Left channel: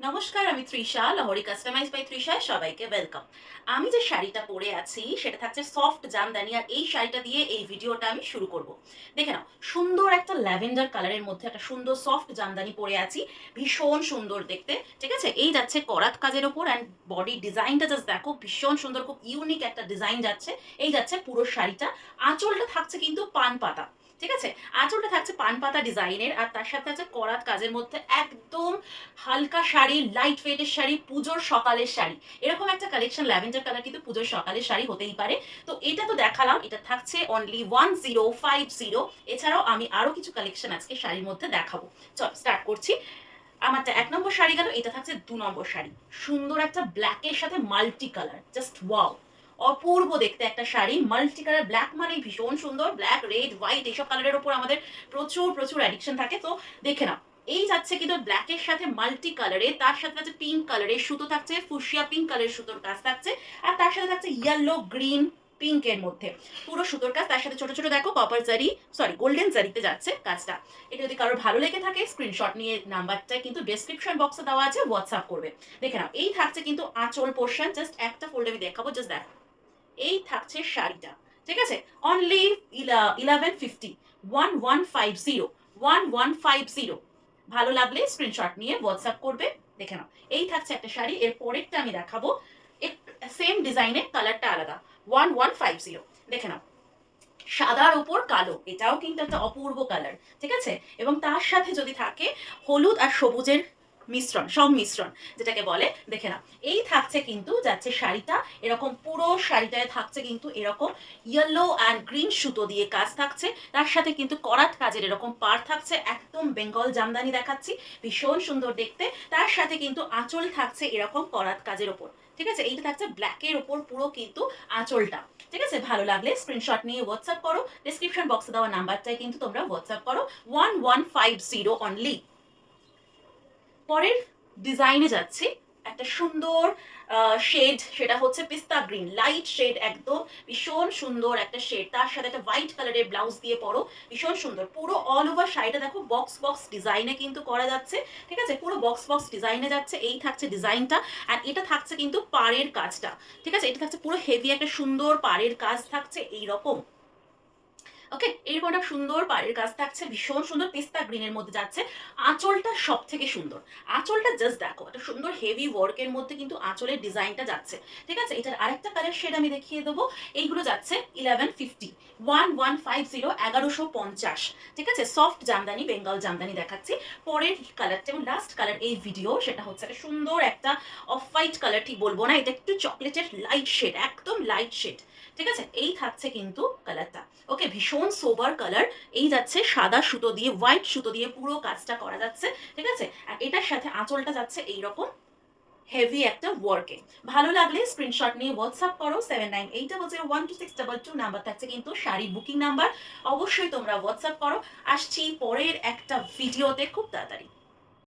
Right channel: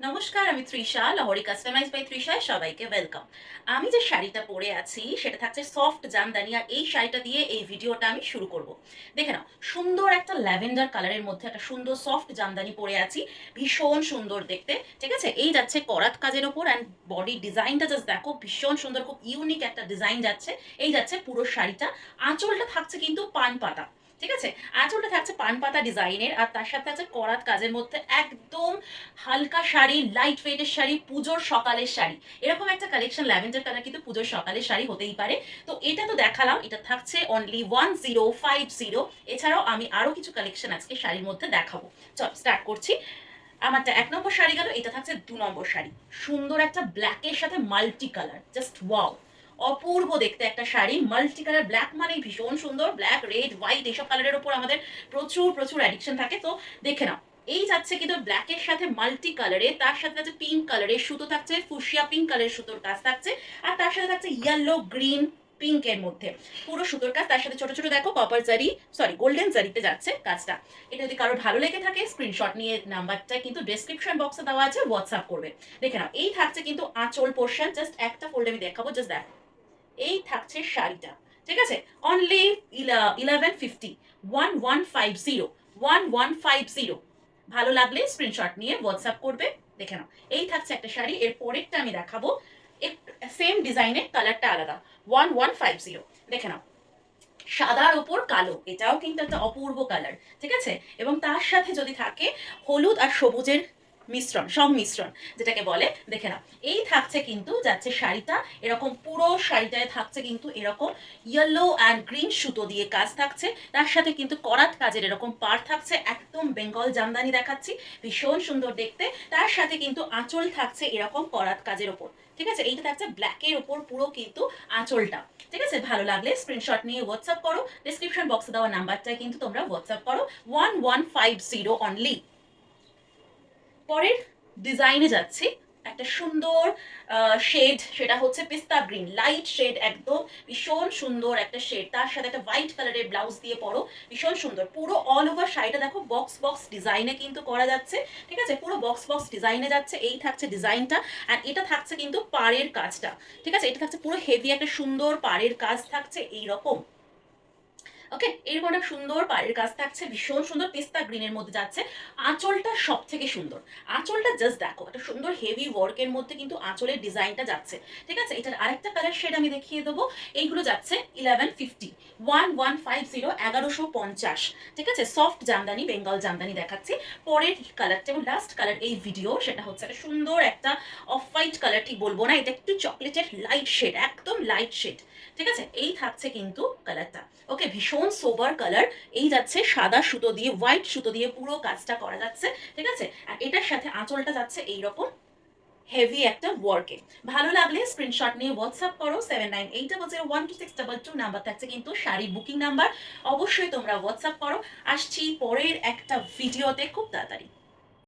নমস্কার, আমি Trisha, লহরি customise by তৃষায় সবাইকে ওয়েলকাম। আমি যে শাড়িটা পরে আছি সেটা থাকছে সফট জামদানি, আর এই শাড়িটা দিয়ে এই ভিডিওটা আমি শুরু করব। দেখে নাও, সুন্দর একটা ল্যাভেন্ডার কালারের মধ্যে একটা সুন্দর সফট জামদানি পরে আছি, ভীষণ সুন্দর দেখতে। ঠিক আছে, এই যাচ্ছে করাত কাজের ওপর, অ্যান্ড বডি ডিজাইনটা জাস্ট দেখো, ভীষণ সুন্দর, খুব ইউনিক একটা ডিজাইন যাচ্ছে। এই যাচ্ছে পুরো শাড়িটা। আঁচলটা থাকছে কিন্তু পান পাতা। ঠিক আছে, আঁচলটা থাকছে পান পাতা ডিজাইনের, আর তার সাথে আছে করাত কাজের মধ্যে একদম হালকা শাড়ি, লাইট ওয়েটের শাড়ি, পুজোর সকালের শাড়ি। এরকম একটা কালেকশন ল্যাভেন্ডার কালার কিন্তু পুজোর সকালের শাড়ি হতেই পারে। তো এটা তো দেখালাম, এটা থাকছে অনলি 1050। এছাড়াও আমি আরো কিছু কালেকশন আজকে শাড়ির মধ্যে দেখাবো। চল স্টার্ট করছি। আমারটা 1 নম্বর শাড়ি গেল, এটা থাকছে 2 নম্বর শাড়ি। সুন্দর একটা ব্ল্যাকের সাথে মাল্টি কালার, জাস্ট ওয়াও, অপূর্ব দেখতে একটা শাড়ি। মাল্টি কালার, ব্ল্যাক মানে ভীষণ সুন্দর, ব্ল্যাক, রেড, হোয়াইট এইসব কালারের উপর আমাদের প্রচুর প্রচুর অ্যাডিকশন থাকে। তো দেখে নাও, এই যাচ্ছে কিন্তু ব্ল্যাকের সাথে মাল্টি কালারে, তার সাথে আছে পিঙ্ক কালারের সুতো থাকছে, ফুসিয়া পিঙ্ক কালারের সুতোর কাজ থাকছে, আর তার সাথে থাকছে ইয়েলো, গ্রিন, পিঙ্কের মধ্যে পুরো সুতোর কাজ। তার সাথে ছোট ছোট দেখো কপার জারি, সরি গোল্ডেন জারিতে যাচ্ছে কাজটা। এটা যদি কারোর ভালো লেগে থাকে স্ক্রিনশট নিয়ে নাম্বারটা কিন্তু ডেসক্রিপশন বক্সে দেওয়া আছে, হোয়াটসঅ্যাপ করবে। দেখে নাও, এই থাকছে কিন্তু আঁচল পোর্শন, জাস্ট একটা ফোল্ড আমি দেখাবো, জাস্ট দেখো। এই থাকছে শাড়িটা। ঠিক আছে, অনলি 1150, 1150। ভালো লাগলে স্ক্রিনশট নিয়ে হোয়াটসঅ্যাপ করবে। দেখে নাও, এই থাকছে একটা শাড়ি। এর পরেরটা আমি দেখাবো, সেম ডিজাইনের, কালারটা আলাদা। 1150, দেখে নাও, সাদার উপর কালো, এটাও কিন্তু একটা অপূর্ব কালার। ঠিক আছে, এবং তার সাথে যদি থাকে হলুদ আর সবুজের মিশ্রণ, সংমিশ্রণ যেটাকে বলে। দেখে নাও, এই থাকছে কিন্তু যাচ্ছে শাড়িটা এরকম, পুরো শাড়িটায় থাকছে কিন্তু এরকম ইয়েলো অ্যান্ড গ্রিন সুতো দিয়ে কাজ থাকছে। তার সাথে কিন্তু করাত কাজের এরকম পার থাকছে, একদম বেঙ্গল জামদানি দেখাচ্ছি, ভীষণ সুন্দর দেখতে। তার সাথে কিন্তু আঁচল থাকছে এরকম করাত কাজের ওপর। ঠিক আছে, এইটা থাকছে ব্ল্যাকের ওপর পুরো কিন্তু আঁচলটা। ঠিক আছে, ভালো লাগলে স্ক্রিনশট নিয়ে হোয়াটসঅ্যাপ করো। ডিসক্রিপশন বক্সে দেওয়া নাম্বারটাই কিন্তু তোমরা হোয়াটসঅ্যাপ করো। 1150 অনলি। পরের ডিজাইনে যাচ্ছি, একটা সুন্দর শেড, সেটা হচ্ছে পিস্তা গ্রিন, লাইট শেড, একদম ভীষণ সুন্দর একটা শেড। তার সাথে একটা হোয়াইট কালারের ব্লাউজ দিয়ে পরো, ভীষণ সুন্দর। পুরো অল ওভার শাড়িটা দেখো বক্স বক্স ডিজাইনে কিন্তু করা যাচ্ছে। ঠিক আছে, পুরো বক্স বক্স ডিজাইনে যাচ্ছে, এই থাকছে ডিজাইনটা। আর এটা থাকছে কিন্তু পাড়ের কাজটা। ঠিক আছে, এটা থাকছে পুরো হেভি একটা সুন্দর পাড়ের কাজ থাকছে এইরকম। ওকে, এরকম একটা সুন্দর পাড়ের কাজ থাকছে, ভীষণ সুন্দর, পিস্তা গ্রিনের মধ্যে যাচ্ছে। আঁচলটা সব থেকে সুন্দর, আঁচলটা জাস্ট দেখো, একটা সুন্দর হেভি ওয়ার্কের মধ্যে কিন্তু আঁচলের ডিজাইনটা যাচ্ছে। ঠিক আছে, এটার আরেকটা কালার শেড আমি দেখিয়ে দেবো। এইগুলো যাচ্ছে 1150, 1150, 1150। ঠিক আছে, সফট জামদানি, বেঙ্গল জামদানি দেখাচ্ছি। পরের কালারটা এবং লাস্ট কালার এই ভিডিও, সেটা হচ্ছে একটা সুন্দর একটা অফ হোয়াইট কালার, ঠিক বলবো না, এটা একটু চকলেটের লাইট শেড, একদম লাইট শেড। ঠিক আছে, এই থাকছে কিন্তু কালারটা। ওকে, ভীষণ সোবার কালার। এই যাচ্ছে সাদা সুতো দিয়ে, হোয়াইট সুতো দিয়ে পুরো কাজটা করা যাচ্ছে। ঠিক আছে, আর এটার সাথে আঁচলটা যাচ্ছে এইরকম হেভি একটা ওয়ার্কে। ভালো লাগলে স্ক্রিনশট নিয়ে হোয়াটসঅ্যাপ করো। 79801262 নাম্বার থাকছে কিন্তু শাড়ির বুকিং নাম্বার। অবশ্যই তোমরা হোয়াটসঅ্যাপ করো। আসছি পরের একটা ভিডিওতে খুব তাড়াতাড়ি।